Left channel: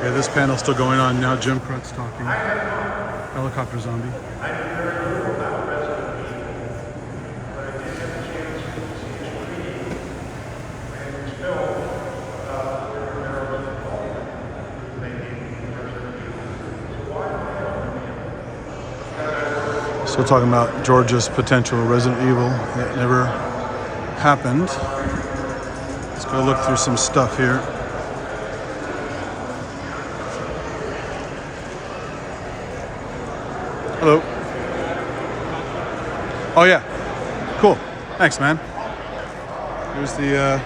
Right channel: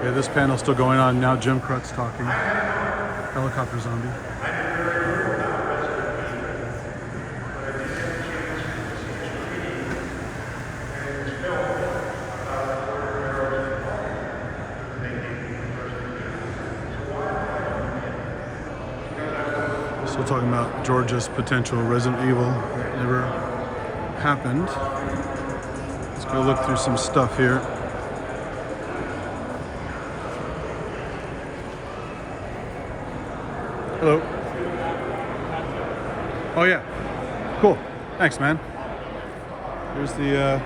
Okay, this panel's still going on now. Jim Crut's talking. Helicopter zombie. So we're talking about Georgia's potential Resident Evil that never happened. Let's go look through some stuff here. Hello. Oh yeah, cool. Thanks, man. Here's the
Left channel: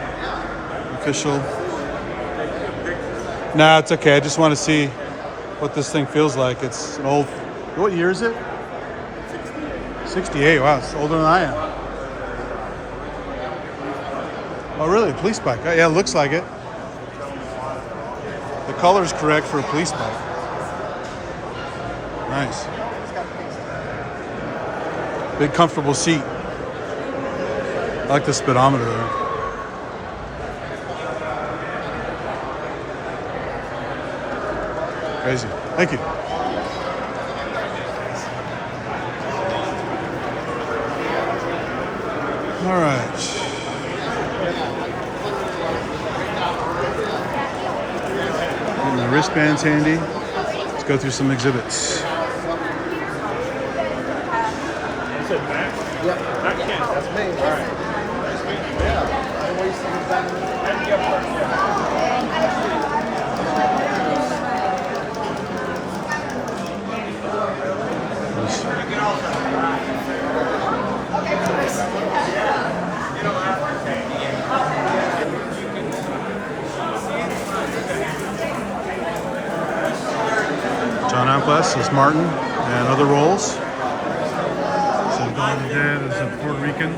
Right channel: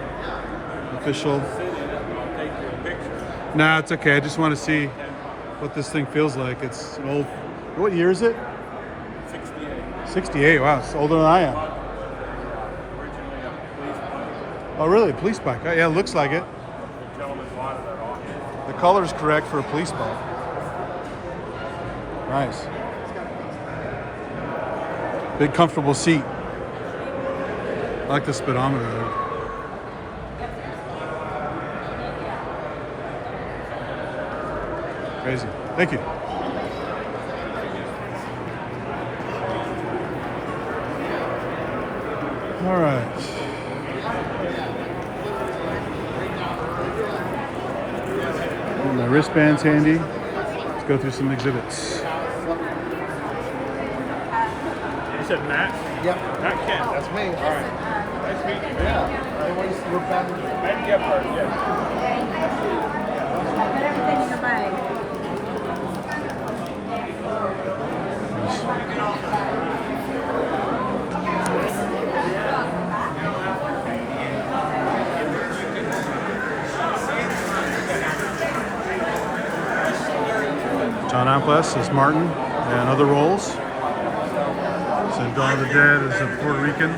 official. Nah, it's okay. I just want to see what this thing feels like. It's an old. What year is it? 68. Wow, it's older than I am. Oh, really? A police bike? Yeah, it looks like it. The color's correct for a police bike. Nice. Big, comfortable seat. I like the speedometer there. Crazy. Thank you. All right. Getting my wristbands handy. Let's go through some exhibits. Yep. That's me. All right. Nice meeting you. John Amplas as Martin and other roles. Dawn of the Dead is a Puerto Rican.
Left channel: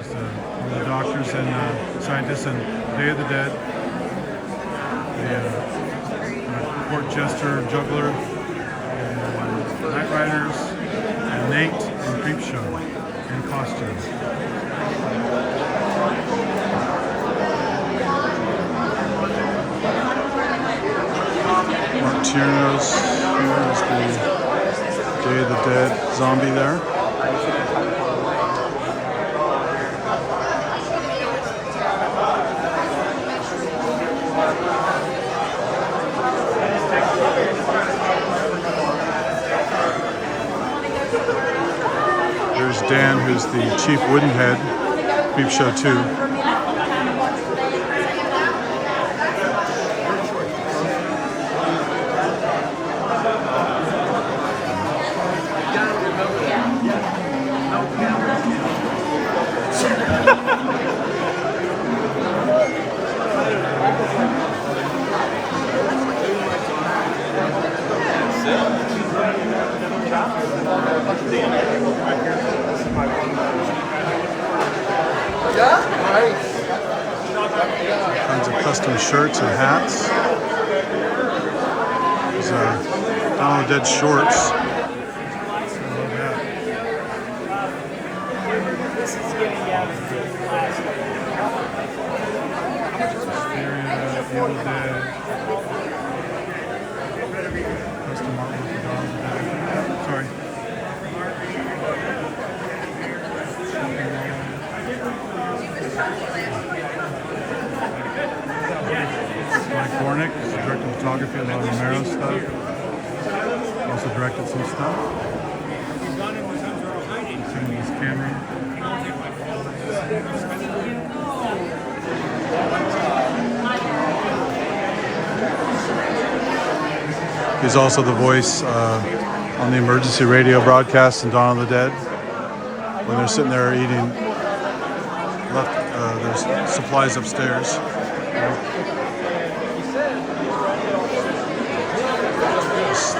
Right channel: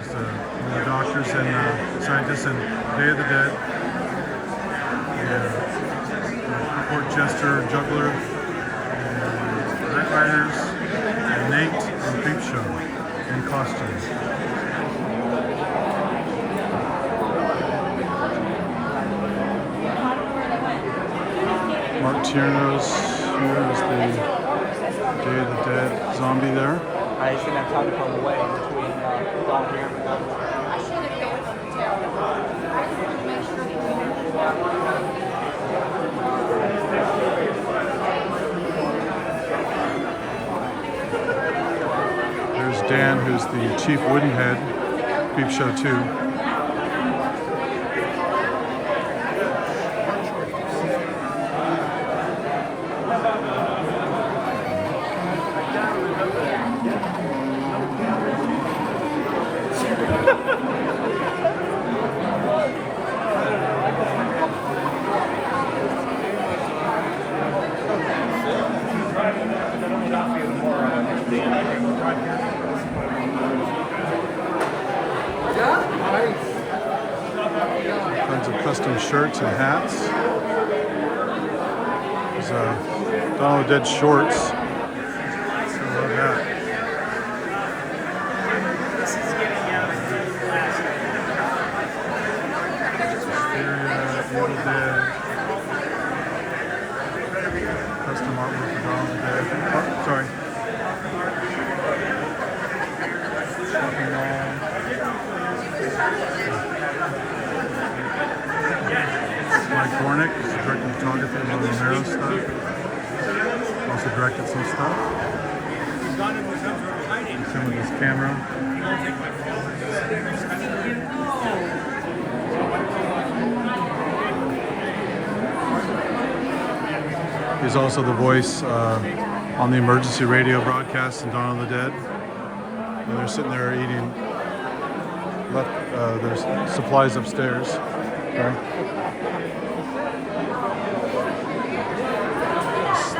It's one of the doctors and scientists in Day of the Dead. The court jester, juggler, and Night Riders, and Nate and Creepshow in costume. Mark Tierno's here is the Day of the Dead zombie there. There's Dan, who's the Chief Woodenhead, Creepshow 2. Tons of custom shirts and hats. These Dawn of the Dead shorts. I love that. Evil Dead. Custom artwork for Dawn of the Dead. Sorry. Shopping mall. Mike Gornick is directing photography, a lot of Romero stuff. Also directed some stuff. Same with his camera. He's also the voice on the emergency radio broadcast in Dawn of the Dead when they're sitting there eating there's supplies upstairs.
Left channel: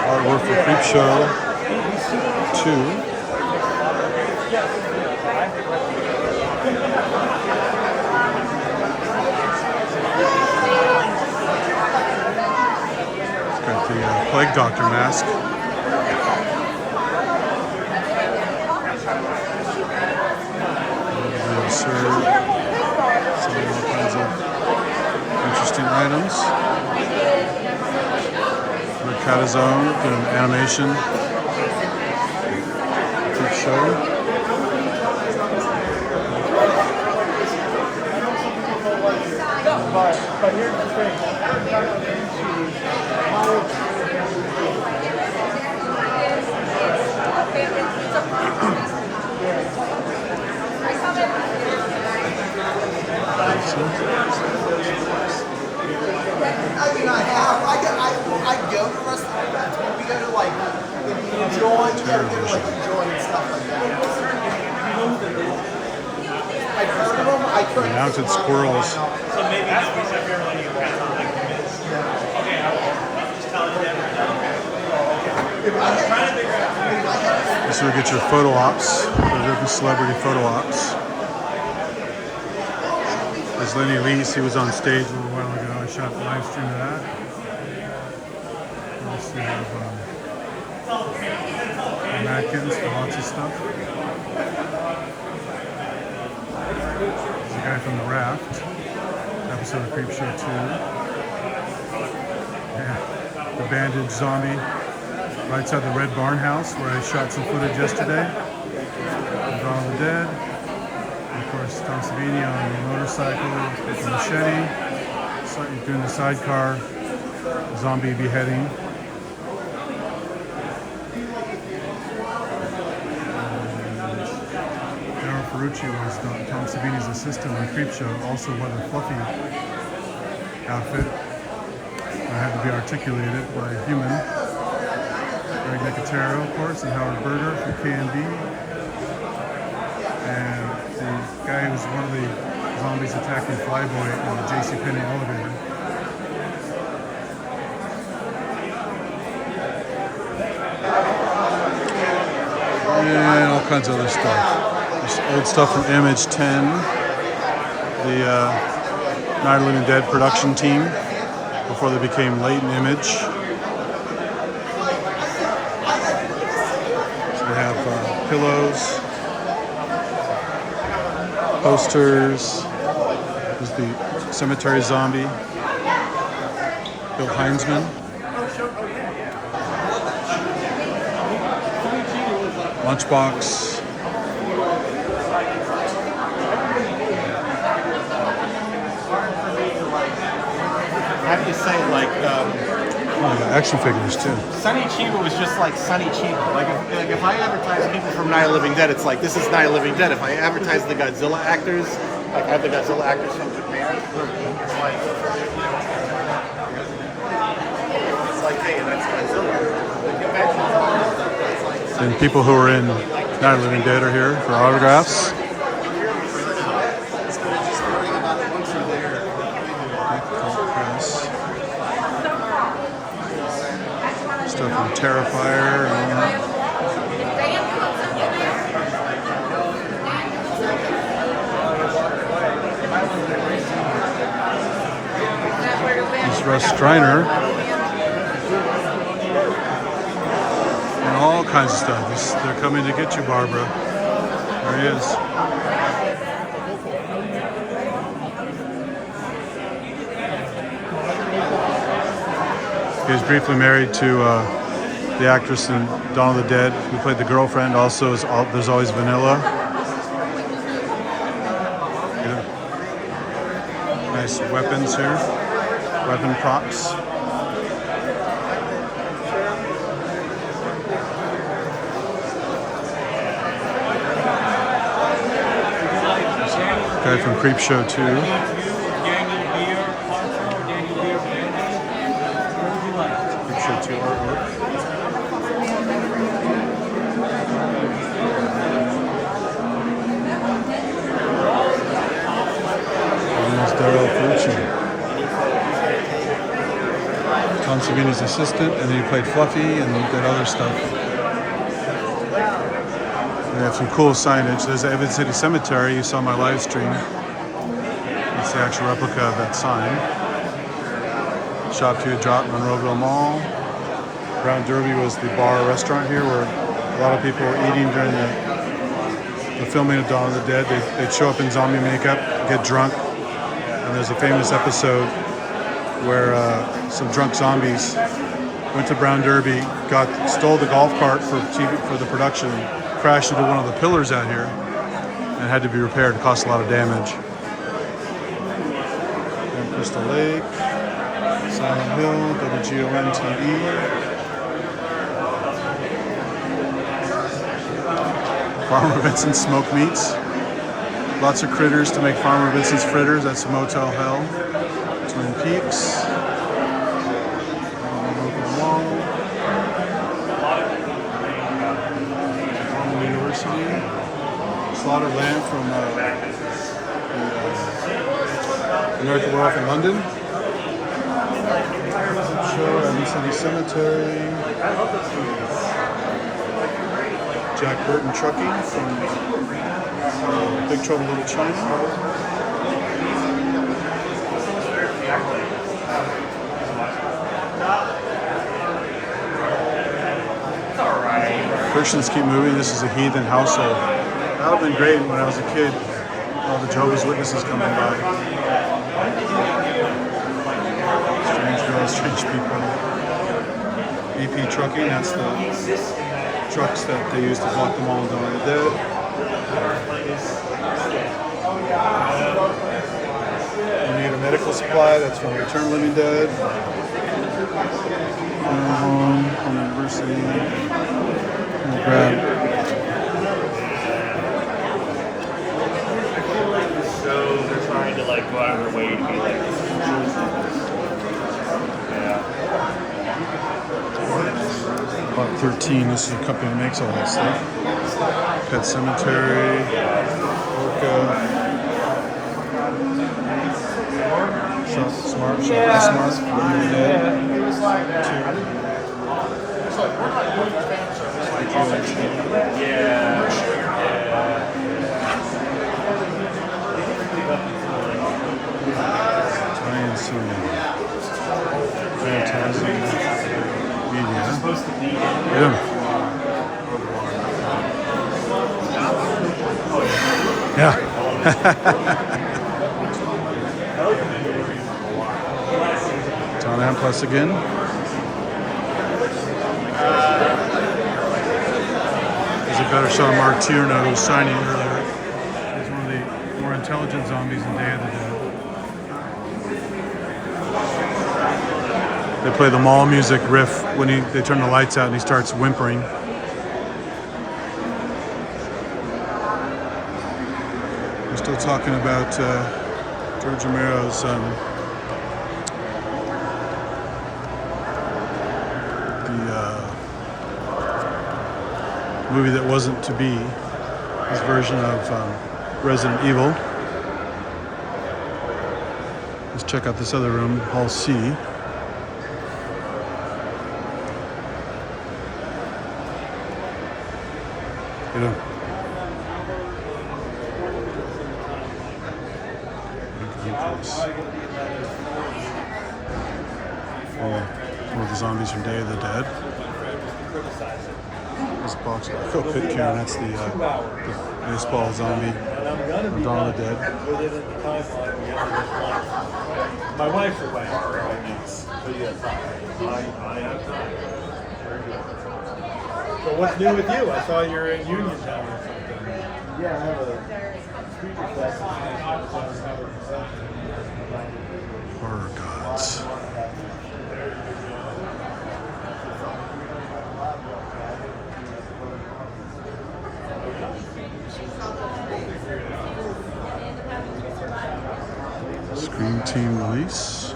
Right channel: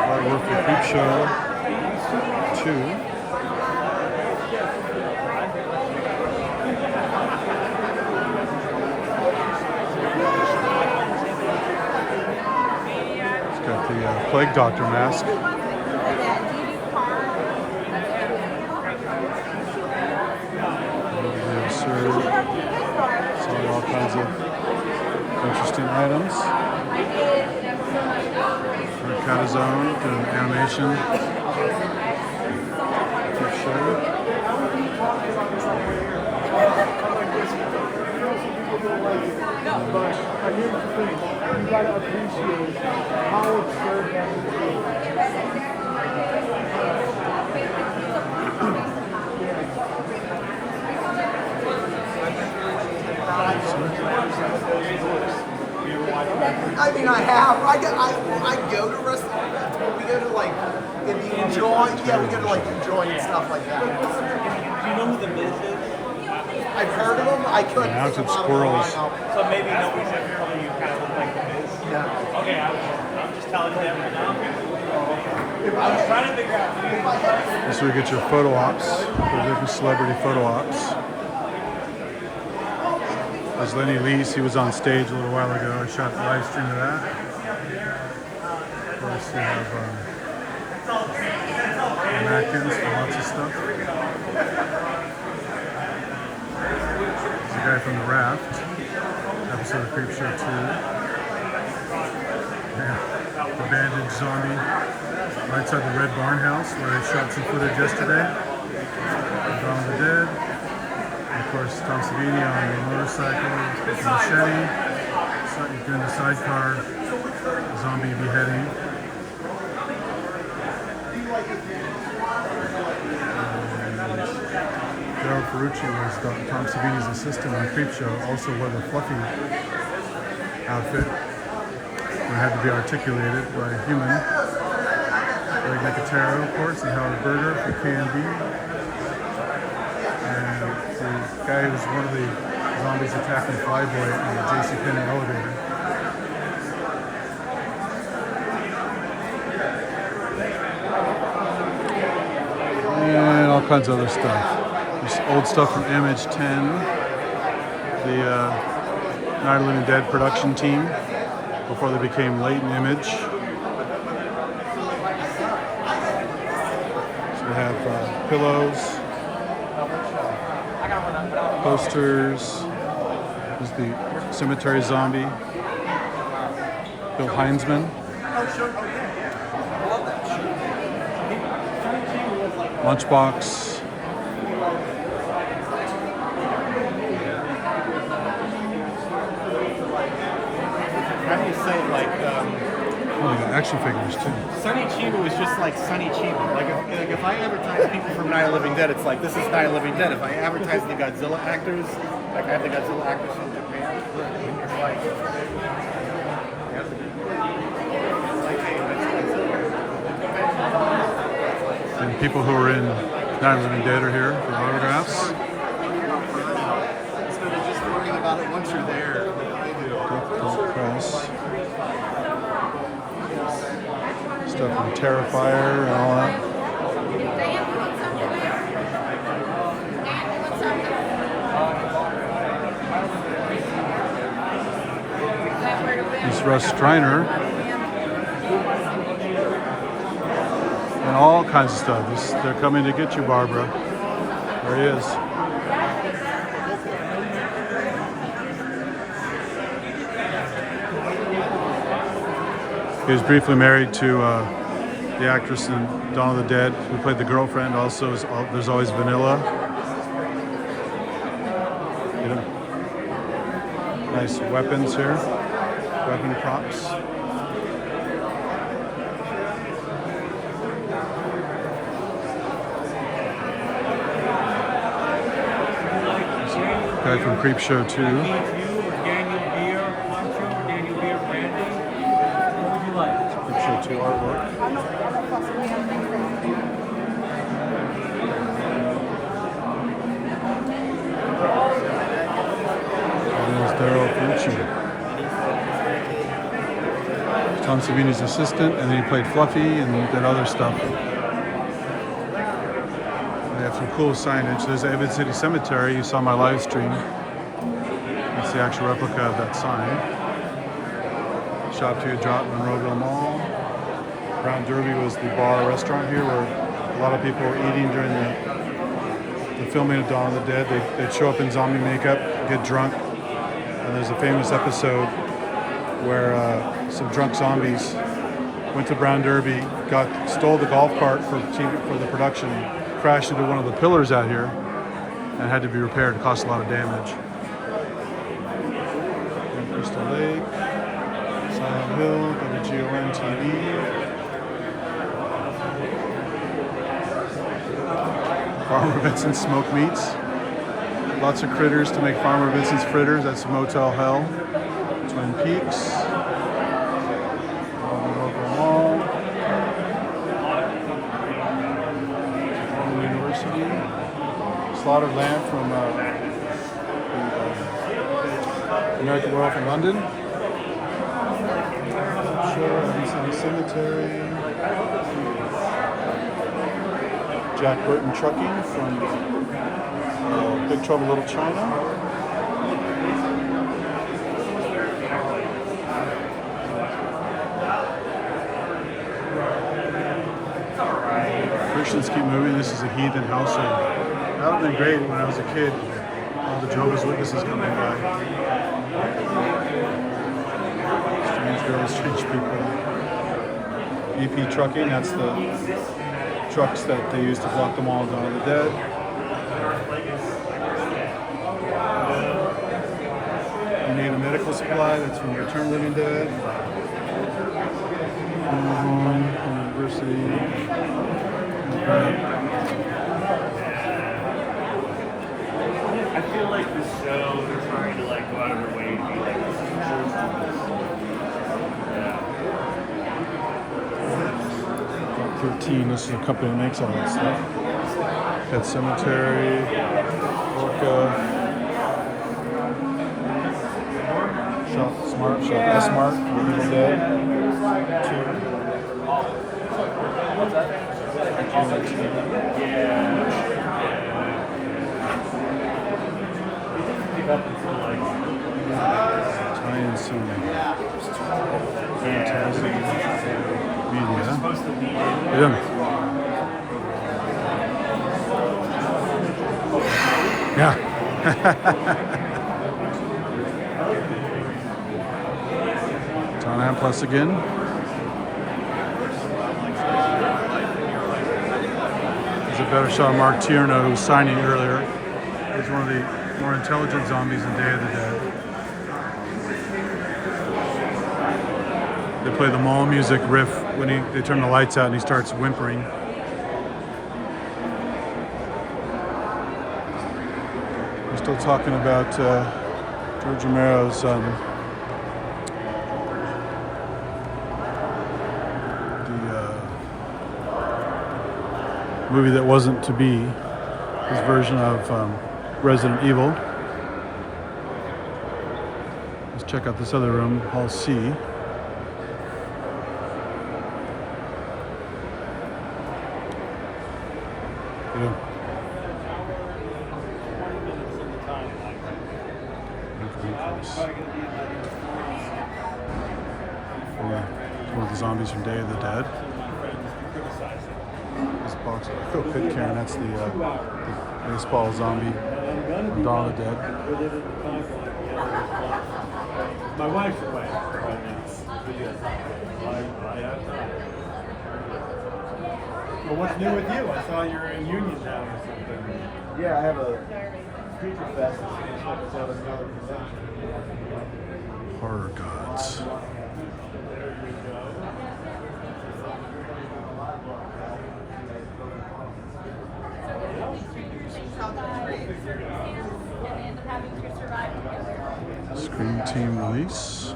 Artwork for Creepshow 2. It's got the Plague Doctor mask. Really absurd. Selling all kinds of interesting items. Catazone doing animation. Keep showing. I mean, I have. I go to wrestling events, but we go to like enjoy, like enjoy and stuff like that. I've heard of them. I couldn't. Mounted squirrels. This is where you get your photo ops, for different celebrity photo ops. There's Lenny Lease, he was on stage a little while ago. I shot the live stream of that. Of course, you have Atkins and lots of stuff. There's a guy from The Raft, episode of Creep Show 2. Yeah, the bandaged zombie right outside the Red Barn House where I shot some footage yesterday. Dawn of the Dead. And of course, Tom Savini on the motorcycle with the machete, doing the sidecar zombie beheading. Daryl Ferrucci was Tom Savini's assistant on Creepshow, also wore the fluffy outfit. It had to be articulated by a human. Greg Nicotero, of course, and Howard Berger from KMB. And the guy who was one of the zombies attacking Flyboy in the JCPenney elevator. And all kinds of other stuff. There's old stuff from Image 10, the Night of the Living Dead production team, before they became Latent Image. So they have pillows, posters. There's the cemetery zombie, Bill Heinzman. Lunchbox. How do you say it? Like, Oh, they got action figures too. Sonny Chiba was just like Sonny Chiba. Like if I advertise people from Night of the Living Dead, it's like, this is Night of the Living Dead. If I advertise the Godzilla actors, like I have the Godzilla actors from Japan, it's like, hey, that's Godzilla. And people who are in Night of the Living Dead are here for autographs. Cult Press. Stuff from Terrifier and all that. This is Russ Striner. And all kinds of stuff. They're coming to get you, Barbara. There he is. He was briefly married to the actress in Dawn of the Dead who played the girlfriend. Also, there's always Vanilla. Nice weapons here. Weapon props. Guy from Creepshow 2. Creepshow 2 artwork. And there's Daryl Ferrucci. Tom Savini's assistant, and then he played Fluffy and did other stuff. They have some cool signage. There's the Evan City Cemetery. You saw my live stream. That's the actual replica of that sign. Shop Food Drop, Monroeville Mall. Brown Derby was the bar restaurant here where a lot of people were eating during the filming of Dawn of the Dead. They'd show up in zombie makeup, get drunk, and there's a famous episode where some drunk zombies went to Brown Derby, stole the golf cart for TV for the production, crashed into one of the pillars out here, and had to be repaired. It cost a lot of damage. Then Crystal Lake, Silent Hill, WGON TV. Farmer Vincent's Smoked Meats. Lots of critters to make Farmer Vincent's fritters. That's Motel Hell. Twin Peaks. Local Mall. Norman University. Slaughtered lamb from the American Werewolf in London. Show Evans City Cemetery. Jack Burton Trucking from Big Trouble Little China. Christians keep moving. This is a heathen household. That would have been great when I was a kid. All the Jehovah's Witnesses coming by. Strange girls, strange people. EP Trucking, that's the trucks that they use to block the mall in Dawn of the Dead. You need a medical supply, that's from Return of the Living Dead. Home University. So we're trying to like go out of our way to be like, yeah. About 13. This is a company that makes all that stuff. Pet Cemetery, Orca, Shop Smart, Shop S-Mart, Evil Dead, 2. Tie-in cinema. Fantastic media. Yeah. Yeah. John Plus again. There's a better shot of Mark Tierno, who was signing earlier. He's one of the more intelligent zombies in Day of the Dead. They play the mall music riff when they turn the lights out and he starts whimpering. We're still talking about George Romero's movie that wasn't to be, his version of Resident Evil. Let's check out this other room, Hall C. You know. One of the zombies from Day of the Dead. This box, Echo Pit Karen, that's the baseball zombie from Dawn of the Dead. My wife's away. So what's new with you? I saw you're in Uniontown or something. Yeah, I have a speaker fest. Horror gods. Scream Team release.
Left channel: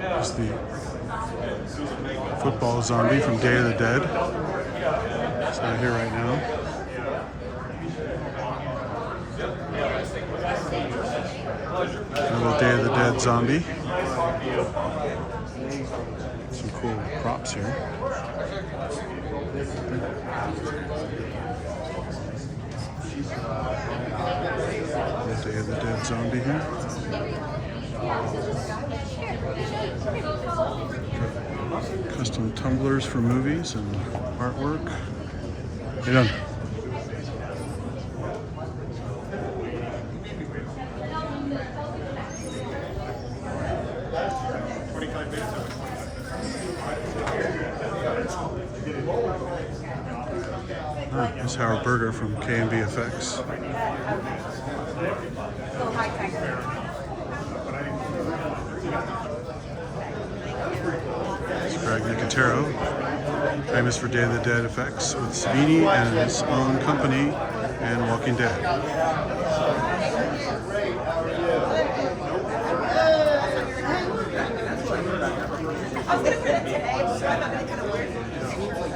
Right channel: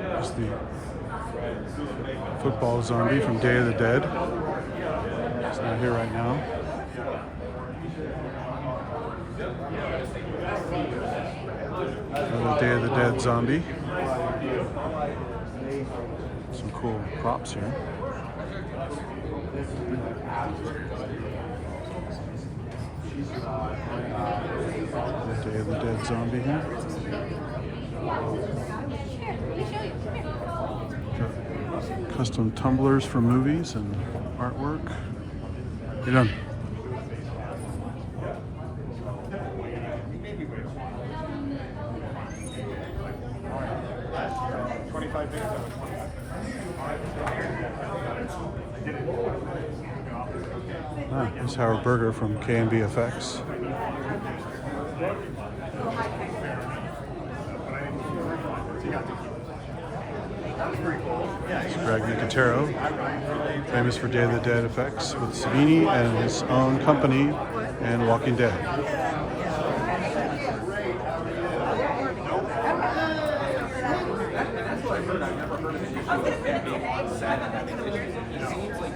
There's the football zombie from Day of the Dead. It's not here right now. Another Day of the Dead zombie. Some cool props here. Day of the Dead zombie here. Got custom tumblers for movies and artwork. Get done. Ah, here's Howard Berger from KMBFX. It's Greg Nicotero, famous for Day of the Dead effects with Savini and his own company and Walking Dead.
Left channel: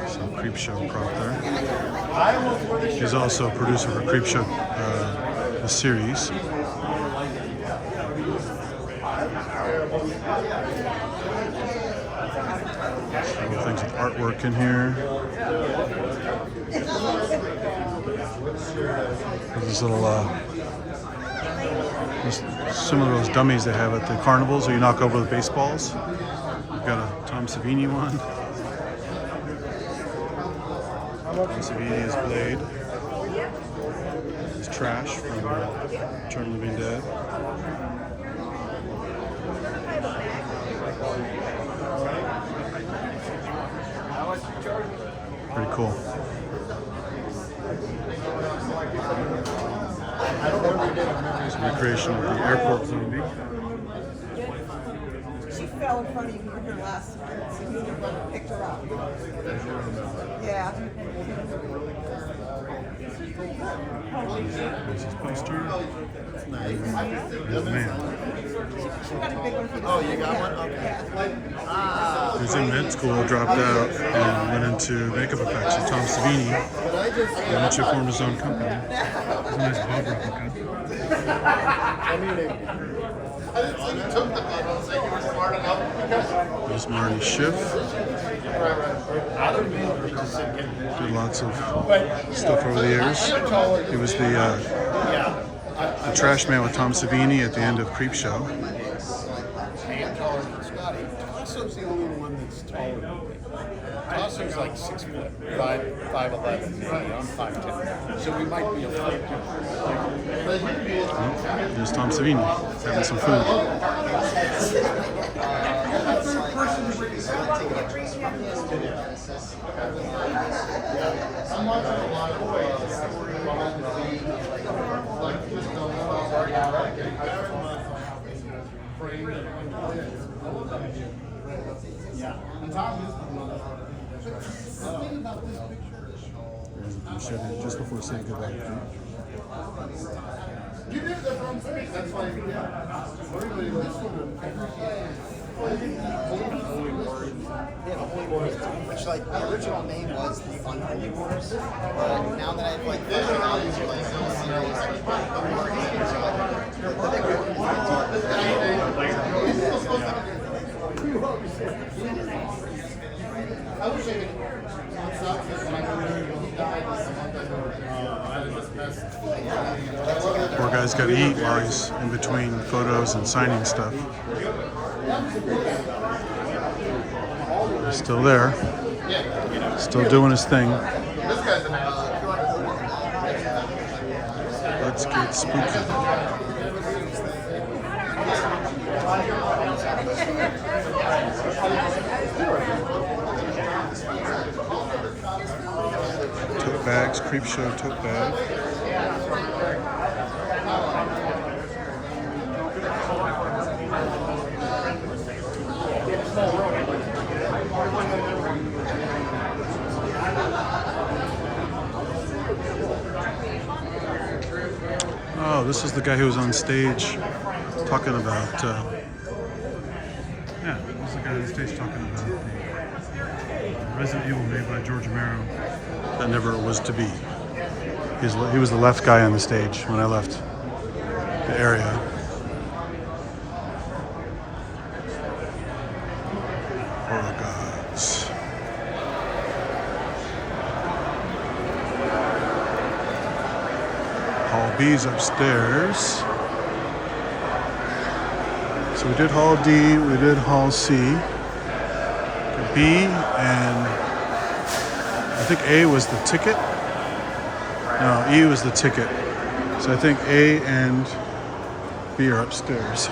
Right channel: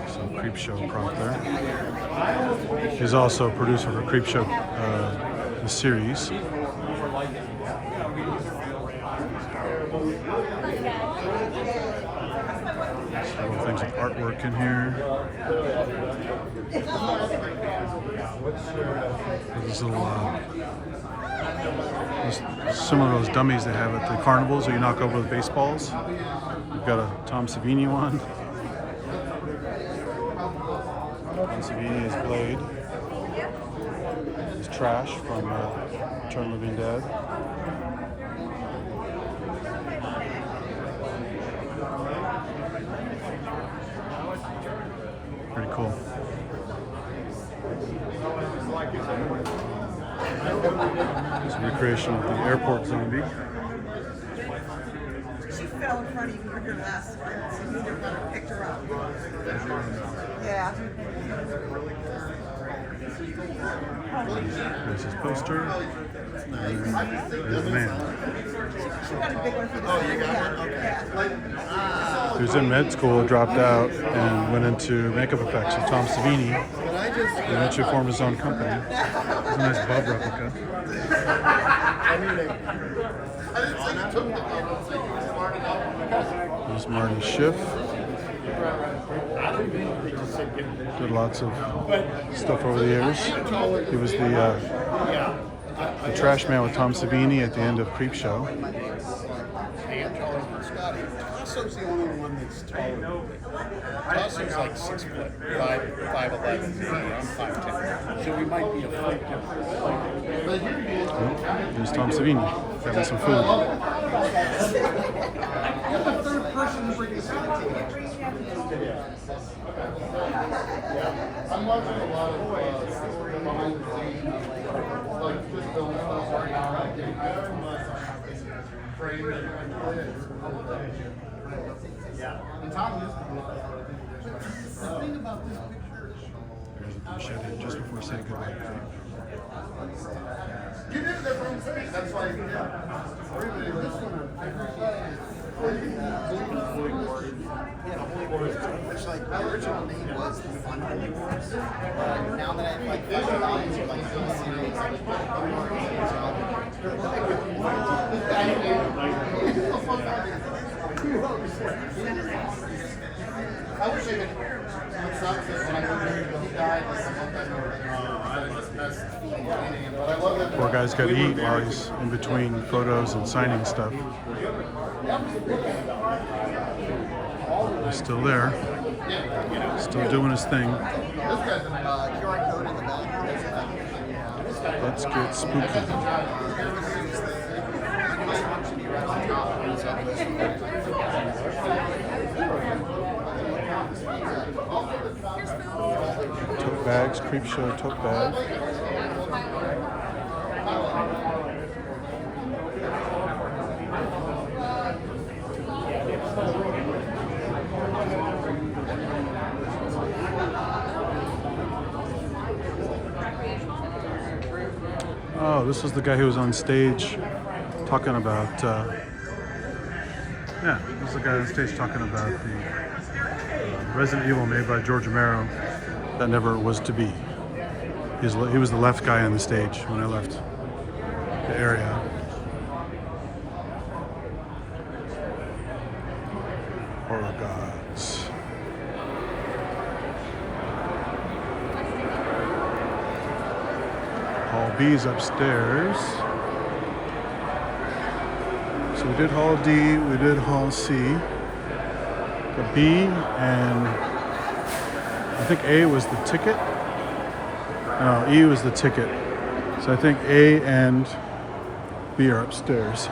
Some Creep Show prop there. He's also a producer for Creep Show, the series. Several things with artwork in here. There's little, similar to those dummies they have at the carnivals where you knock over the baseballs. We've got a Tom Savini one. Tom Savini is Blade. It's Trash from Return of the Living Dead. Pretty cool. It's a recreation of the airport zombie. She fell in front of you with her last time, so you picked her up. Yeah. There's his poster. There's the man. She got a big one for the Oh, you got one? Okay. Yeah. He was in med school, dropped out, and went into makeup effects with Tom Savini. But I just, He eventually formed his own company. It's a nice Bob replica. I mean, There's Martin Schiff. Did lots of stuff over the years. He was the trash man with Tom Savini at the end of Creep Show. I am taller than Scotty. Tasso's the only one that's taller than me. Tasso's like 6 foot, 5'11", maybe. I'm 5'10". So we might be a foot different. There's Tom Savini having some food. Just before saying goodbye. You did that from space. That's why. Yeah, the Holy Wars, which like the original name was the Fun Holy Wars, but now that I've like fleshed it out into like a series, I wish I could. What sucks is when I remember when he died, Poor guy's got to eat while he's in between photos and signing stuff. He's still there. Still doing his thing. Let's get spooky. Tote bags, Creep Show tote bag. Oh, this is the guy who was on stage talking about, yeah, this is the guy on stage talking about the Resident Evil made by George Romero that never was to be. He was the left guy on the stage when I left the area. Horror gods. Hall B's upstairs. So we did Hall D, we did Hall C. Got B, and I think A was the ticket. No, E was the ticket. So I think A and B are upstairs.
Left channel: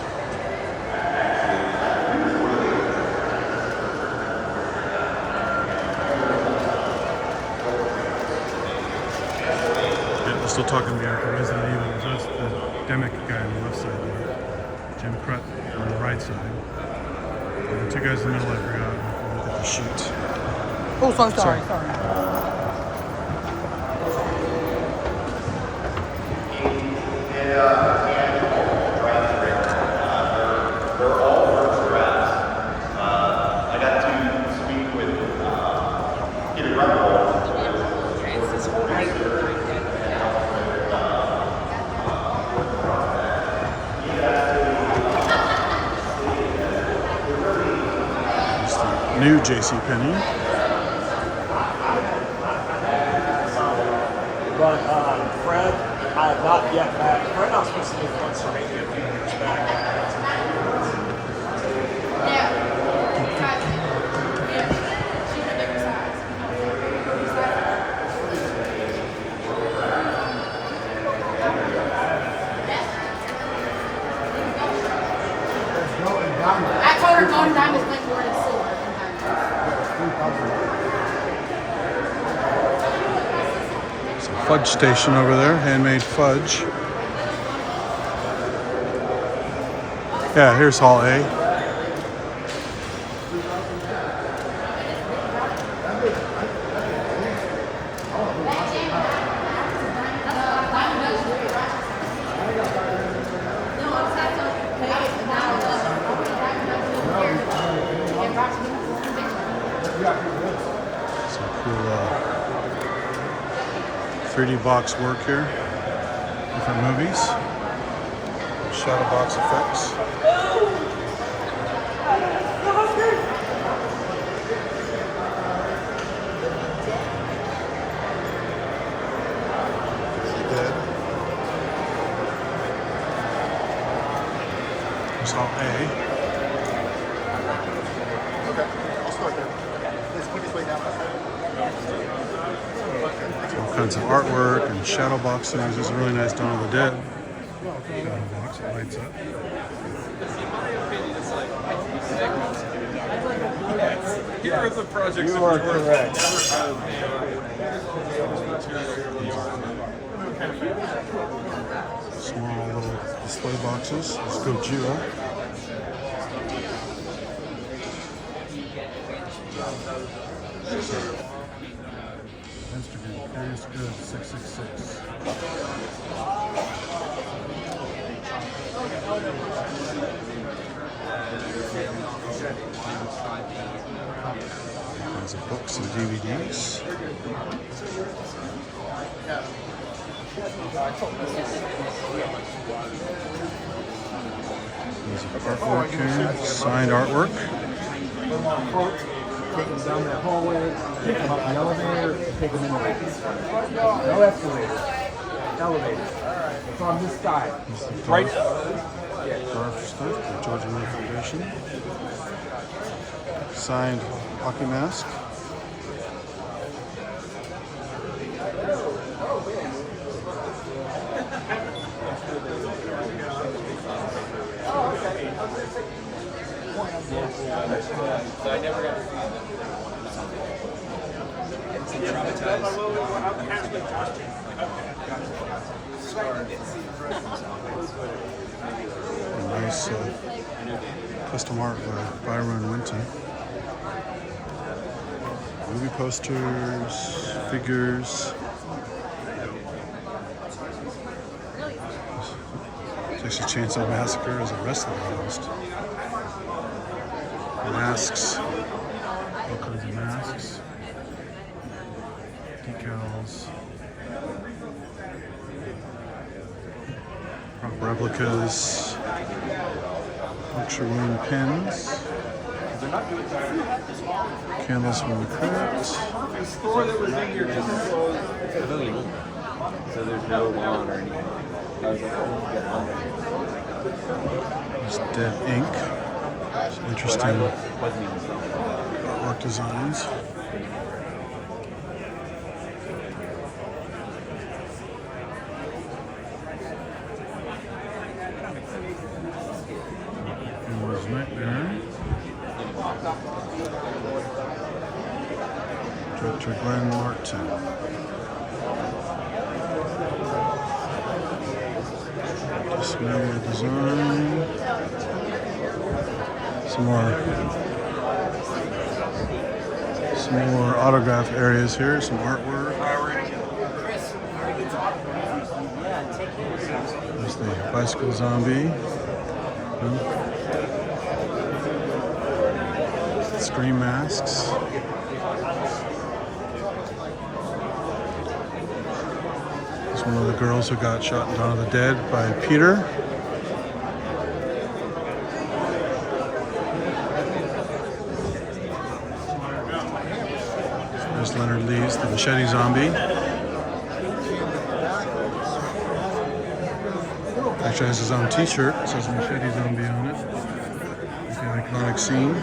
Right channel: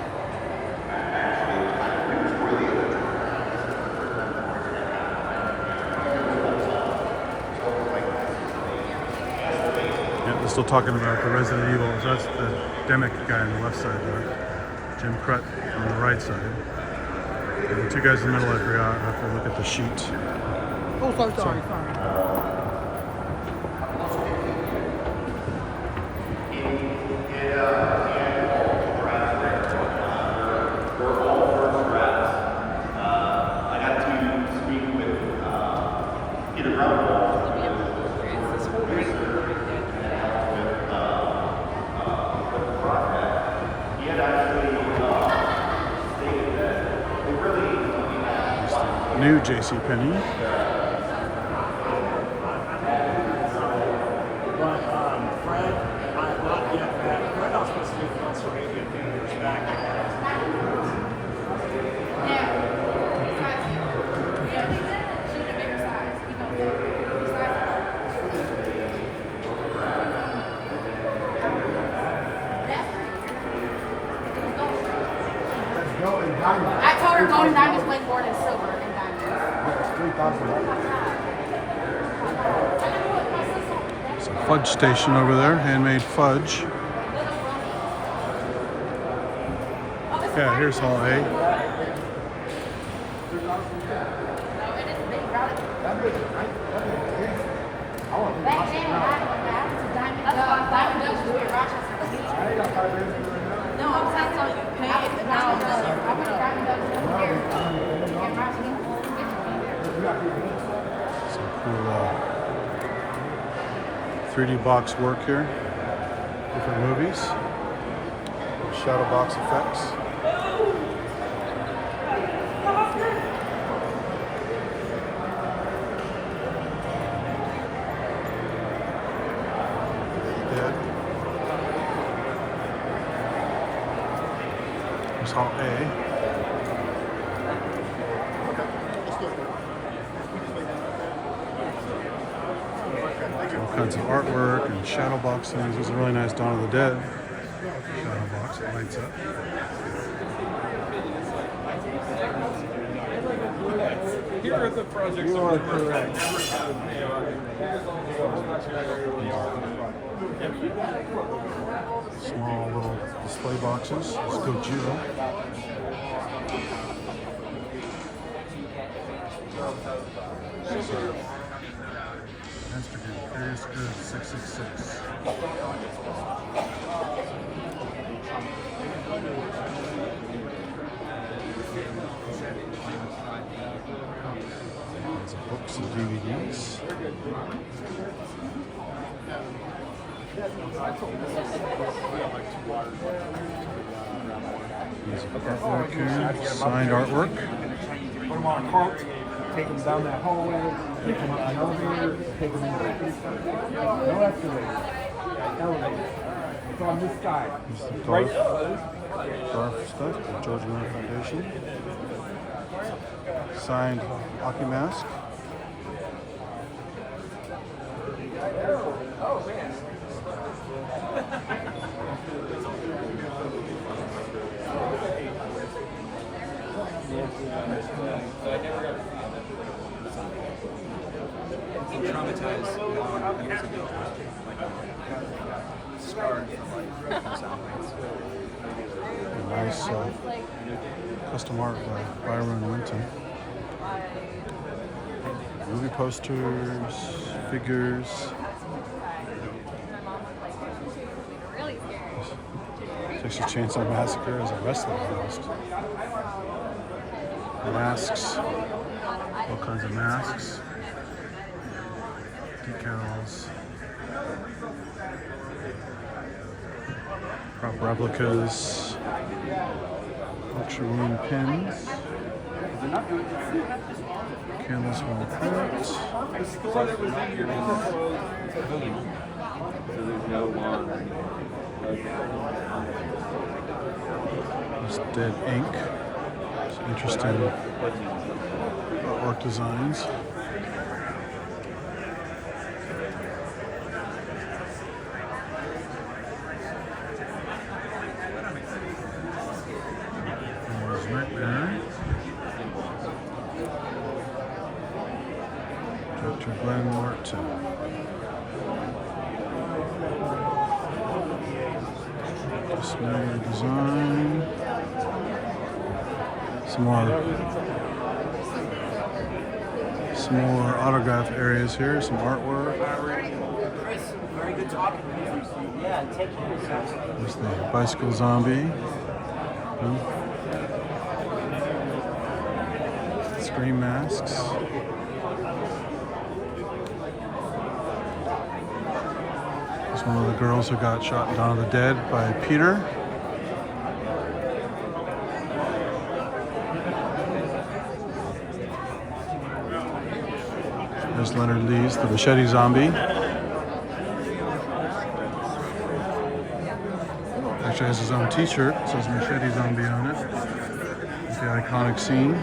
still talking about the Resident Evil. So that's the Demic guy on the left side there. Jim Crut on the right side. And the two guys in the middle, I forgot. I have to look at the sheets. Oh, sorry. New JCPenney. But Fred, not yet back. Fred, I was supposed to do once for me 15 years back. I told her golden diamonds went more than silver and diamonds. So fudge station over there, handmade fudge. Yeah, here's Hall A. Some cool 3D box work here. Different movies. Shadow box effects. Dead. Here's Hall A. All kinds of artwork and shadow box things. There's a really nice Dawn of the Dead shadow box. It lights up. Here are the projects You are correct. Small little display boxes. Let's go Gojira. Instagram, Curious Good 666. Lots of books and DVDs. There's artwork here, signed artwork. Take them down that hallway, take them up the elevator, take them in the no escalator, elevator. It's on this side. There's the Garf stuff, the Georgia Miller Foundation. Signed hockey mask. A nice custom art by Byron Winton. Movie posters, figures. Texas Chainsaw Massacre as a wrestler almost. Masks, all kinds of masks, decals, prop replicas, puncture wound pins, candles from the crypt. The store that was in your pavilion. So there's no lawn or anything. There's dead ink. Some interesting artwork designs. There's Nightmare. Director Glenn Martin. Display design. Some more autograph areas here, some artwork. There's the bicycle zombie. Scream masks. There's one of the girls who got shot in Dawn of the Dead by Peter. There's Leonard Lee's The Machete Zombie. Actually has his own t-shirt. It says Machete Zombie on it. It's the iconic scene.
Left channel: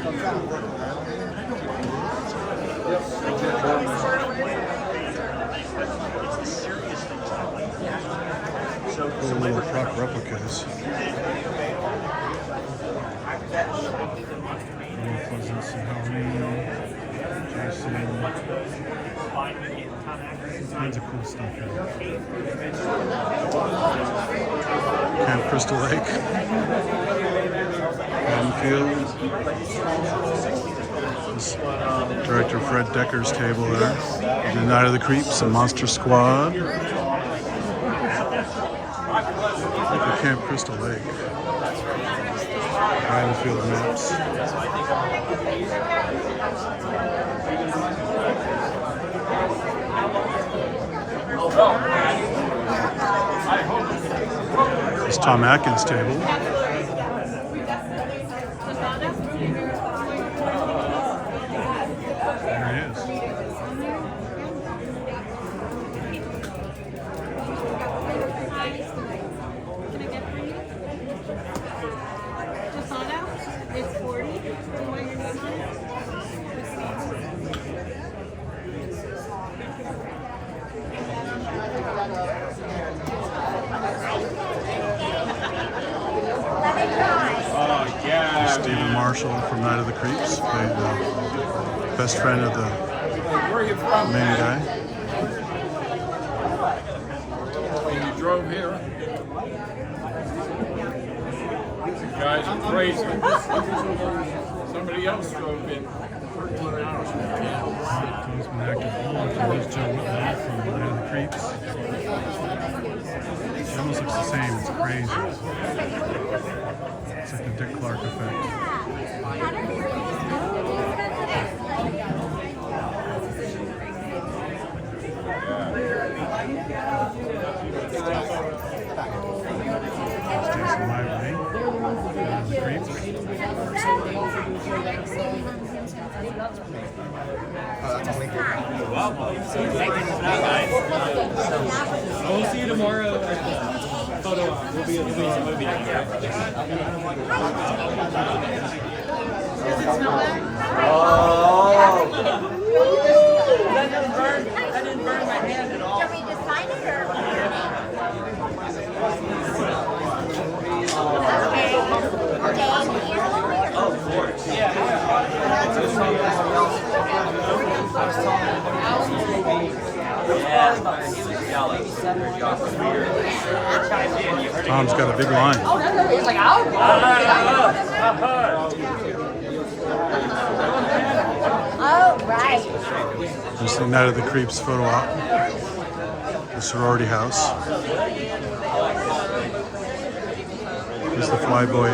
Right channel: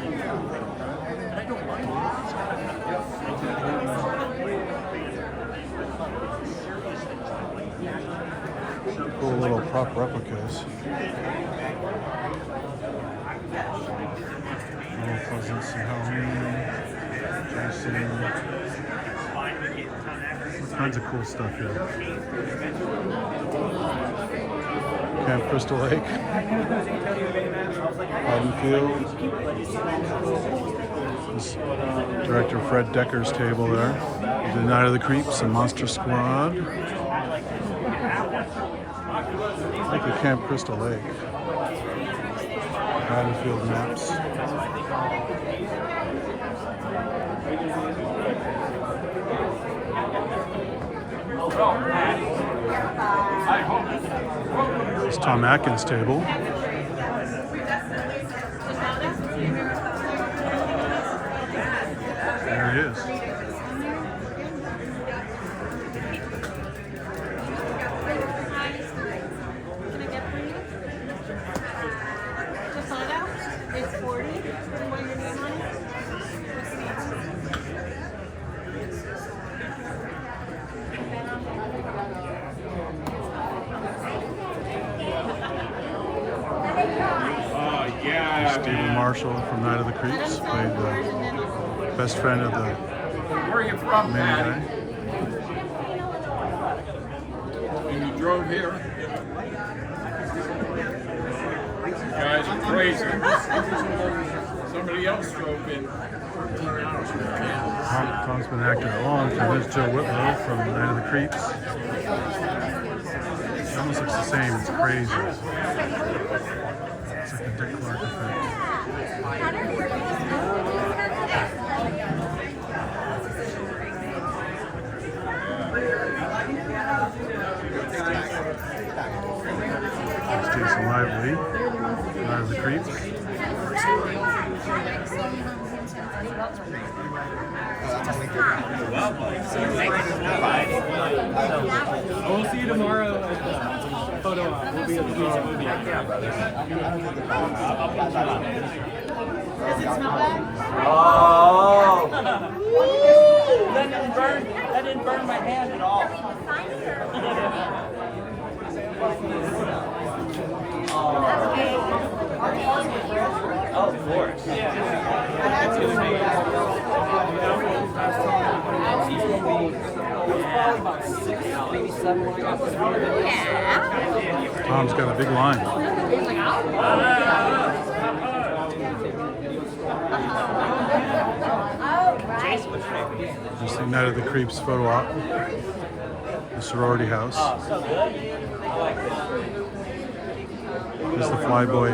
Cool little prop replicas. Little Pleasance and Halloween. Jason. All kinds of cool stuff here. Camp Crystal Lake. Haddonfield. This Director Fred Decker's table there. The Night of the Creeps and Monster Squad. Look at Camp Crystal Lake. Haddonfield maps. It's Tom Atkins' table. There he is. Can I get for you? Tostada? It's 40. Do you want your name on it? What's the name? Stephen Marshall from Night of the Creeps played the best friend of the main guy. When you drove here, you guys are crazy. Somebody else drove in 13 hours from here. Tom's been acting a long time. There's Joe Whitlow from Night of the Creeps. She almost looks the same. It's crazy. It's like the Dick Clark effect. There's Jason Lively, Night of the Creeps. We'll see you tomorrow at the photo op. We'll be at the movie. Yeah, brother. That didn't burn my hand at all. Tom's got a big line. Just the Night of the Creeps photo op. The sorority house. Here's the Flyboy.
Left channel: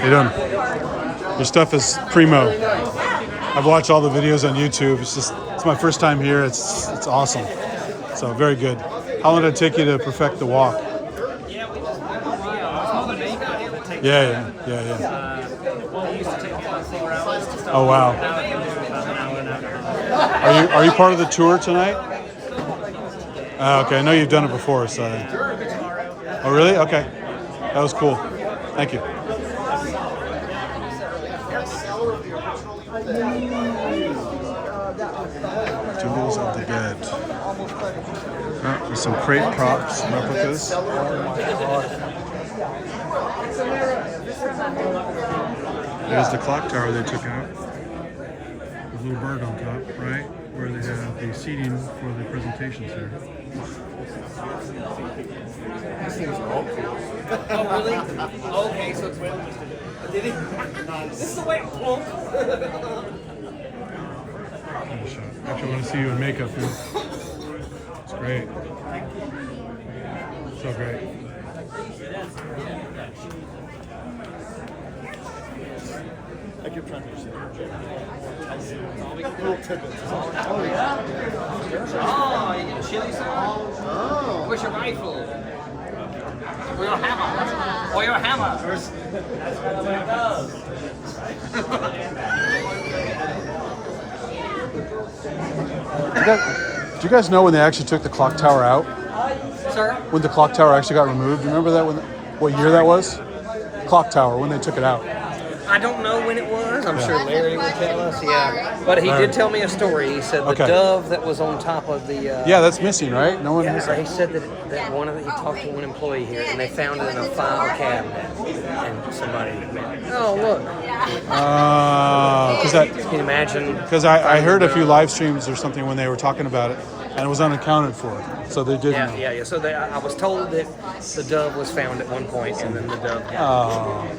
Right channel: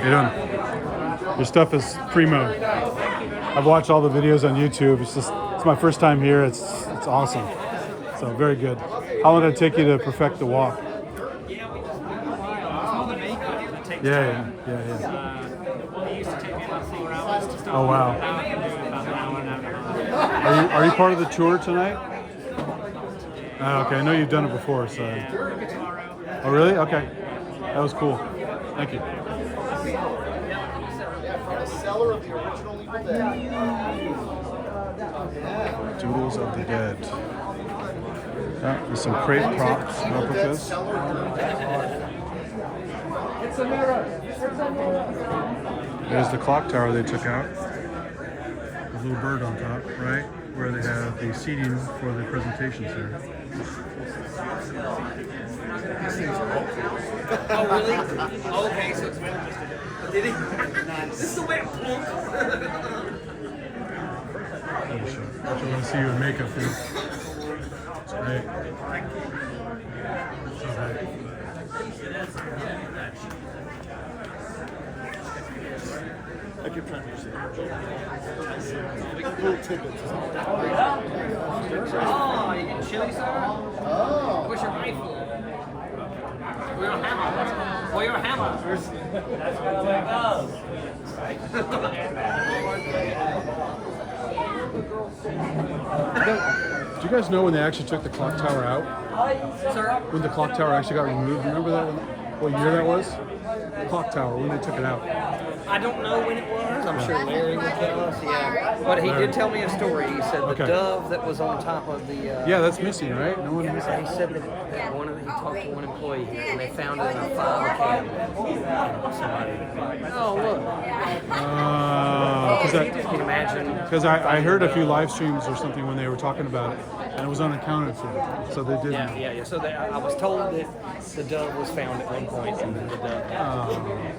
Hey, your stuff is primo. I've watched all the videos on YouTube. It's my first time here. It's awesome. So very good. How long did it take you to perfect the walk? Yeah, it took a while. It's more the makeup that takes Yeah. It used to take me about 4 hours to start. Oh wow. Now I can do it about an hour and a half. Are you part of the tour tonight? Okay, I know you've done it before, so. Yeah, maybe tomorrow. Oh really? Okay. That was cool. Thank you. Doodles of the Dead. Oh, there's some crate props, replicas. There's the clock tower they took out. The little bird on top, right? where they have the seating for the presentations here. Oh, really? Okay, so it's well just did it? This is the way it won't. Actually, I want to see you in makeup here. It's great. So great. I keep trying to use it. Little tidbits. Oh, you getting chili sauce? Oh. Where's your rifle? Or your hammer? Or your hammer? Do you guys know when they actually took the clock tower out? Sir? When the clock tower actually got removed? Remember that? What year that was? Clock tower, when they took it out. I don't know when it was. I'm sure Larry would tell us. Yeah, but he did tell me a story. He said the Okay. dove that was on top of the. Yeah, that's missing, right? No one. Yeah, so he said that one of the, he talked to one employee here, and they found it in a file cabinet, and somebody went, "Oh, look." Because Can you imagine? Because I heard a few live streams or something when they were talking about it, and it was unaccounted for. So they didn't. Yeah. So I was told that the dove was found at one point, and then the dove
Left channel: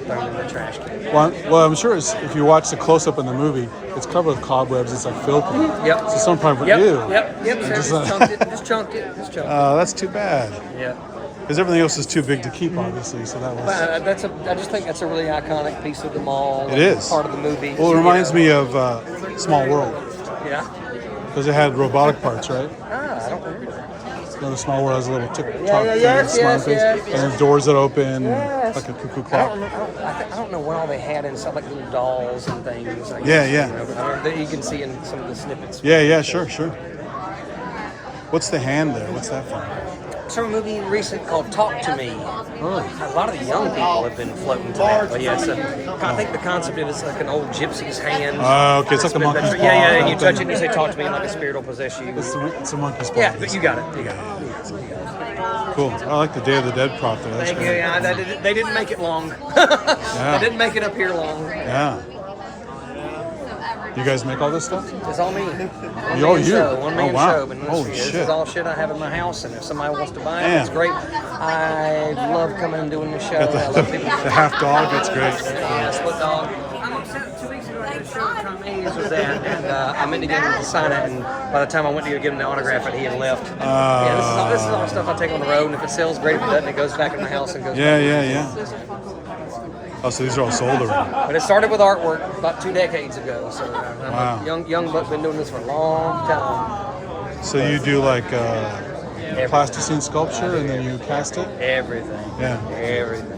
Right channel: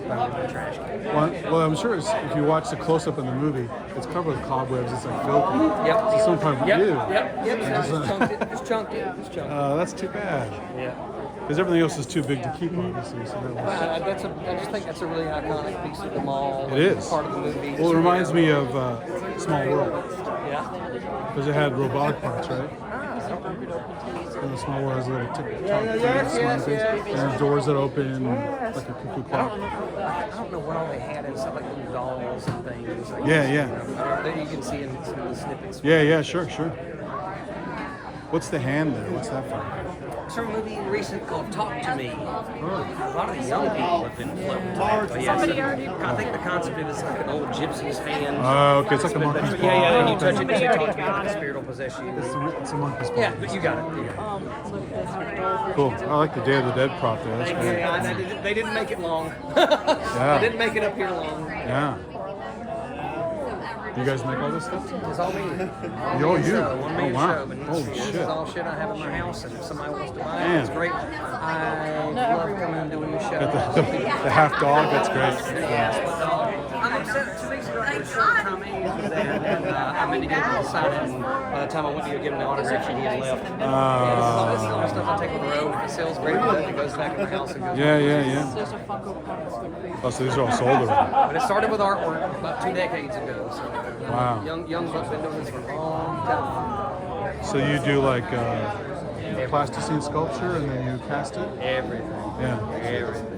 thrown in the trash can. Well, I'm sure if you watch the close-up in the movie, it's covered with cobwebs. It's like filthy. Yep. So some part of Yep. you. Yep. Just, Just chunked it. Just chunked it. that's too bad. Yeah. Because everything else is too big to keep, obviously. So that was. But I just think that's a really iconic piece of the mall. It is. Part of the movie. Well, it reminds me of Small World. Yeah. Because it had robotic parts, right? I don't know. The Small World has a little tick-tock thing, yes, smiley face, yes. and then doors that open Yes. like a cuckoo I clock. don't know what all they had inside, like little dolls and things. Like Yeah, this, yeah. You know, that you can see in some of the snippets. Yeah, sure. What's the hand there? What's that from? It's from a movie recent called Talk to Me. Oh. A lot of the young people have been floating to that. But yeah, so I think the concept of it's like an old gypsy's hand. Okay, it's like a monkey's paw. Yeah, and kind you of touch thing. it and you talk to me like a spirit will possess you. It's a monkey's paw. Yeah, but you got it. Cool. I like the Day of the Dead prop there. That's great. Yeah, they didn't make it long. Yeah. They didn't make it up here long. Yeah. You guys make all this stuff? It's all me. Oh, you? Oh, wow. And Holy this shit. is all shit I have in my house, and if somebody wants to buy it, Damn. it's great. I love coming and doing the show. Got I love people- the half dog. That's great. Split dog. 2 weeks ago, I did a show at Tom Hayes was that, and I meant to get him to sign it, and by the time I went to go give him the autograph, he had left. Yeah, this is all stuff I take on the road, and if it sells great, if it doesn't, it goes back in the house and goes. Yeah. Oh, so these are all sold already. But it started with artwork about 2 decades ago. So Wow. young buck's been doing this for a long time. So you do like plasticine sculpture and then you cast it? Everything. Yeah. Everything.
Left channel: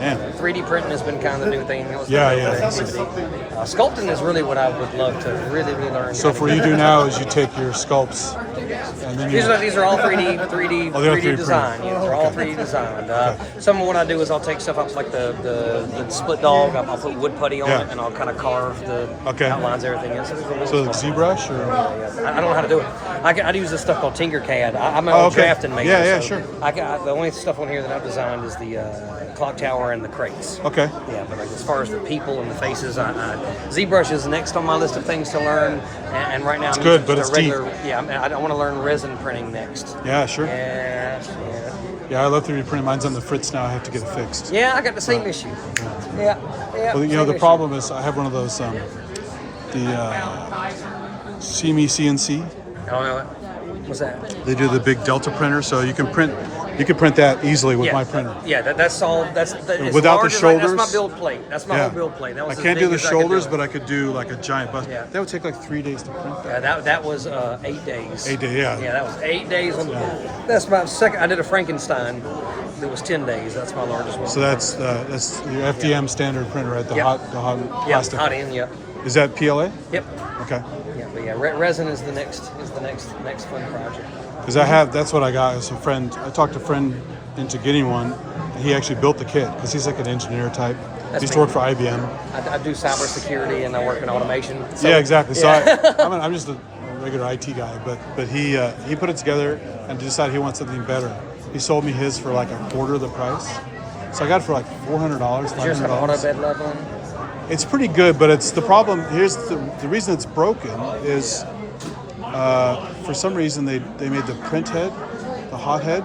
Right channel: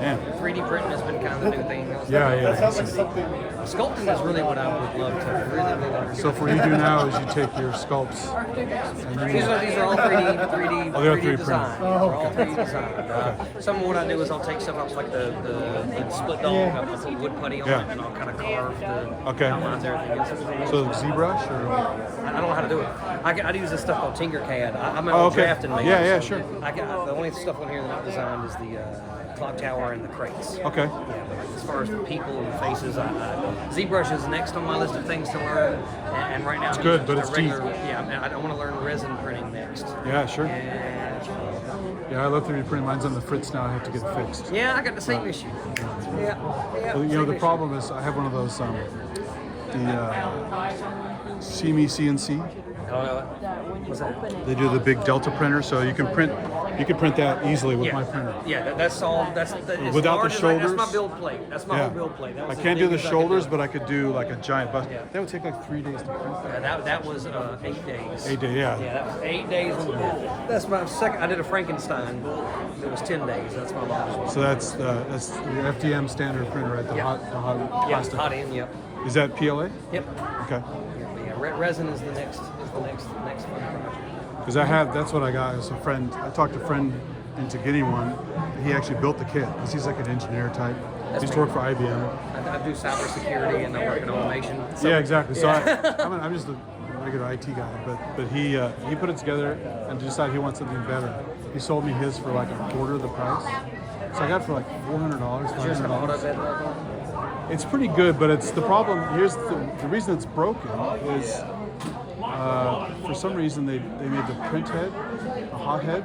Yeah. 3D printing has been kind of the new thing. Yeah. Sculpting is really what I would love to really learn. So for what you do now is you take your sculpts and then you... These are all 3D Oh, they're 3D design. printed. They're all 3D designed. Some of what I do is I'll take stuff up like the split dog. I'll put wood putty on it and I'll kind of carve the outlines, everything. So like ZBrush or? I don't know how to do it. I use this stuff called Tinkercad. I'm an old drafting maker. Yeah, so sure. The only stuff on here that I've designed is the clock tower and the crates. Okay. Yeah, but as far as the people and the faces, ZBrush is next on my list of things to learn. And right now, it's good, but it's deep. Yeah, I want to learn resin printing next. Yeah, sure. Yeah, I love 3D printing. Mine's on the fritz now. I have to get it fixed. Yeah, I got the same issue. Yeah. Well, you know, the problem is I have one of those, the CME CNC. I don't know. What's that? They do the big Delta printer, so you can print that easily with my printer. Yeah, that's all. That's without the shoulders. That's my build plate. That's my whole build plate. That was I as can't big do the as I could shoulders, do. but I could do like a giant bust. That would take like 3 days to print that. That was 8 days. 8 days, yeah. Yeah, that was 8 days. That's my second. I did a Frankenstein. It was 10 days. That's my largest one. So that's the FDM standard printer, right? The hot plastic. Hot end. Yep. Is that PLA? Yep. Okay. Yeah, but yeah, resin is the next fun project. Because that's what I got as a friend. I talked a friend into getting one. And he actually built the kit because he's like an engineer type. He used to work for IBM. I do cybersecurity and I work in automation. So, yeah, exactly. So I'm just a regular IT guy, but he put it together and decided he wants something better. He sold me his for like a quarter of the price. So I got it for like $400, $500. It's pretty good, but it's the problem. Here's the reason it's broken is for some reason they made the print head, the hot head,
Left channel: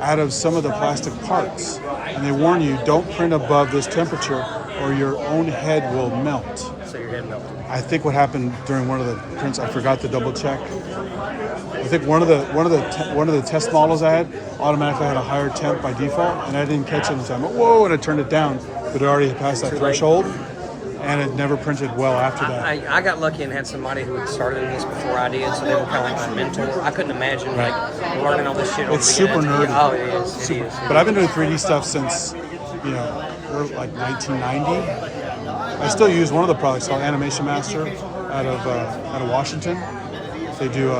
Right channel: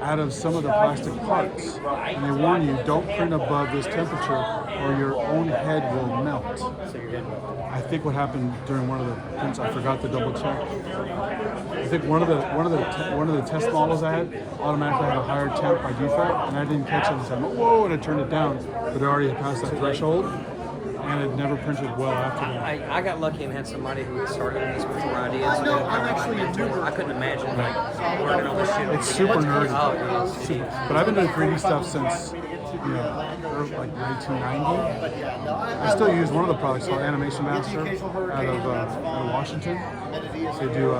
out of some of the plastic parts. And they warn you, don't print above this temperature or your own head will melt. So your head melted. I think what happened during one of the prints, I forgot to double check. I think one of the test models I had automatically had a higher temp by default, and I didn't catch it in time. Whoa! And I turned it down, but it already had passed that threshold, and it never printed well after that. I got lucky and had somebody who had started this before I did, so they were kind of like my mentor. I couldn't imagine like learning all this shit. It's super nerdy. Oh, it is. Super. But I've been doing 3D stuff since, like 1990. I still use one of the products called Animation Master out of Washington. They do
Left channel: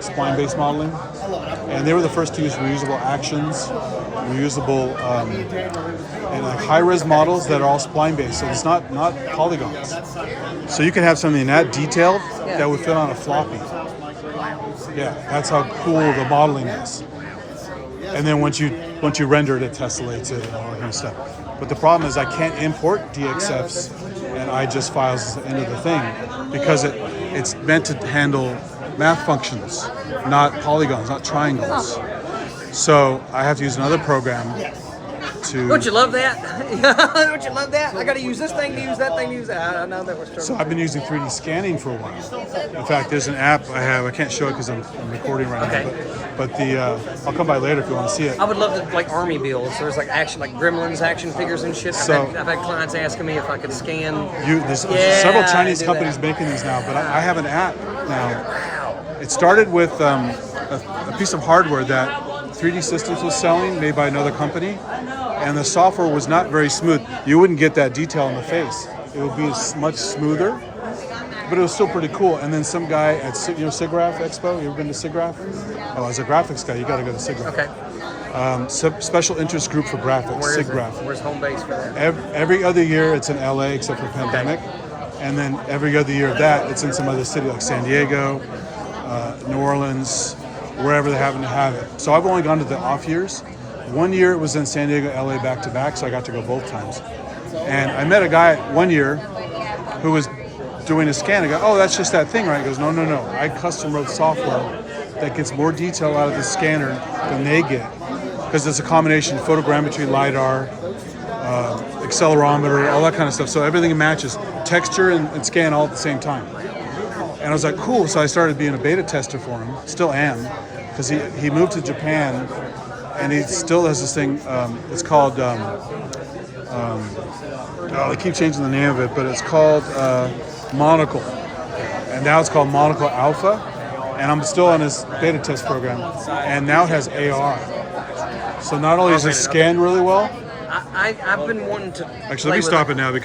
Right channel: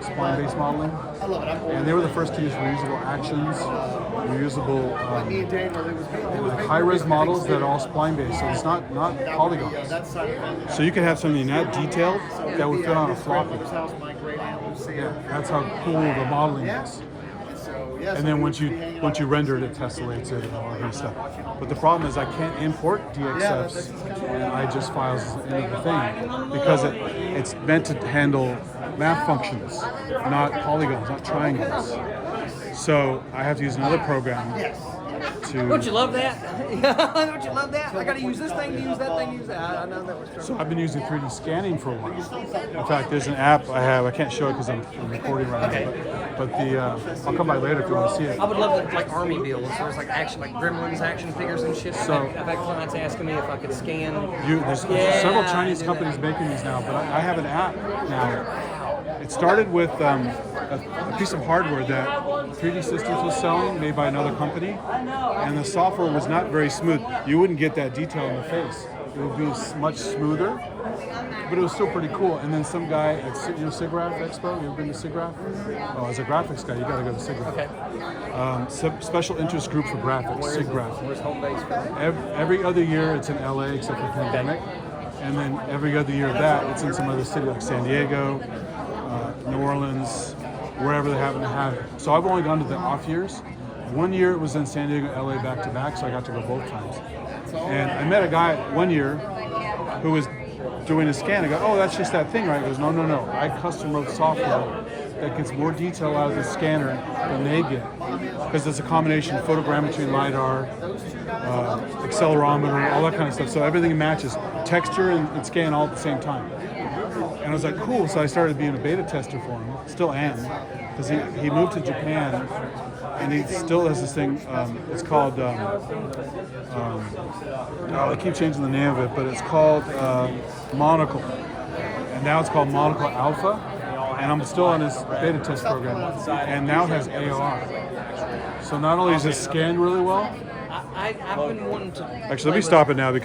spline-based modeling, and they were the first to use reusable actions, reusable and like high-res models that are all spline-based, so it's not polygons. So you can have something that detailed that would fit on a floppy. Yeah, that's how cool the modeling is. And then once you render it, it tessellates it and all that kind of stuff. But the problem is I can't import DXFs and IGES files into the thing because it's meant to handle math functions, not polygons, not triangles. So I have to use another program to... Don't you love that? Don't you love that? I got to use this thing to use that thing to use that. I know that was true. So I've been using 3D scanning for a while. In fact, there's an app I have. I can't show it because I'm recording right now, but I'll come by later if you want to see it. I would love to like army builds. There's like Gremlins action figures and shit. So I've had clients asking me if I could scan. There's several Chinese companies making these now, but I have an app now. It started with a piece of hardware that 3D Systems was selling, made by another company, and the software was not very smooth. You wouldn't get that detail in the face. It would be much smoother, but it was still pretty cool. And then some guy at SIGGRAPH Expo, you ever been to SIGGRAPH? Oh, as a graphics guy, you got to go to SIGGRAPH. Okay. Special interest group for graphics, SIGGRAPH. Where's home base for that? Every other year it's in LA except for pandemic, and then every other year of that it's in some other city like San Diego, New Orleans, wherever they happen to have it. So I've only gone to the off years. One year it was in San Diego, LA back to back, so I got to go both times. And I met a guy one year who was doing a scan. I go, oh, that's just that thing, right? He goes, no. I custom wrote software that gets more detail out of the scanner than they get. Because it's a combination of photogrammetry, LiDAR, accelerometer, all that kind of stuff. So everything matches. Texture and scan all at the same time. And I was like, cool. So I started being a beta tester for him. Still am. Because he moved to Japan and he still has this thing. It's called, they keep changing the name of it, but it's called Monocle. And now it's called Monocle Alpha. And I'm still on this beta test program. And now it has AR. So not only is it scanned really well. I've been wanting to. Actually, let me stop it now because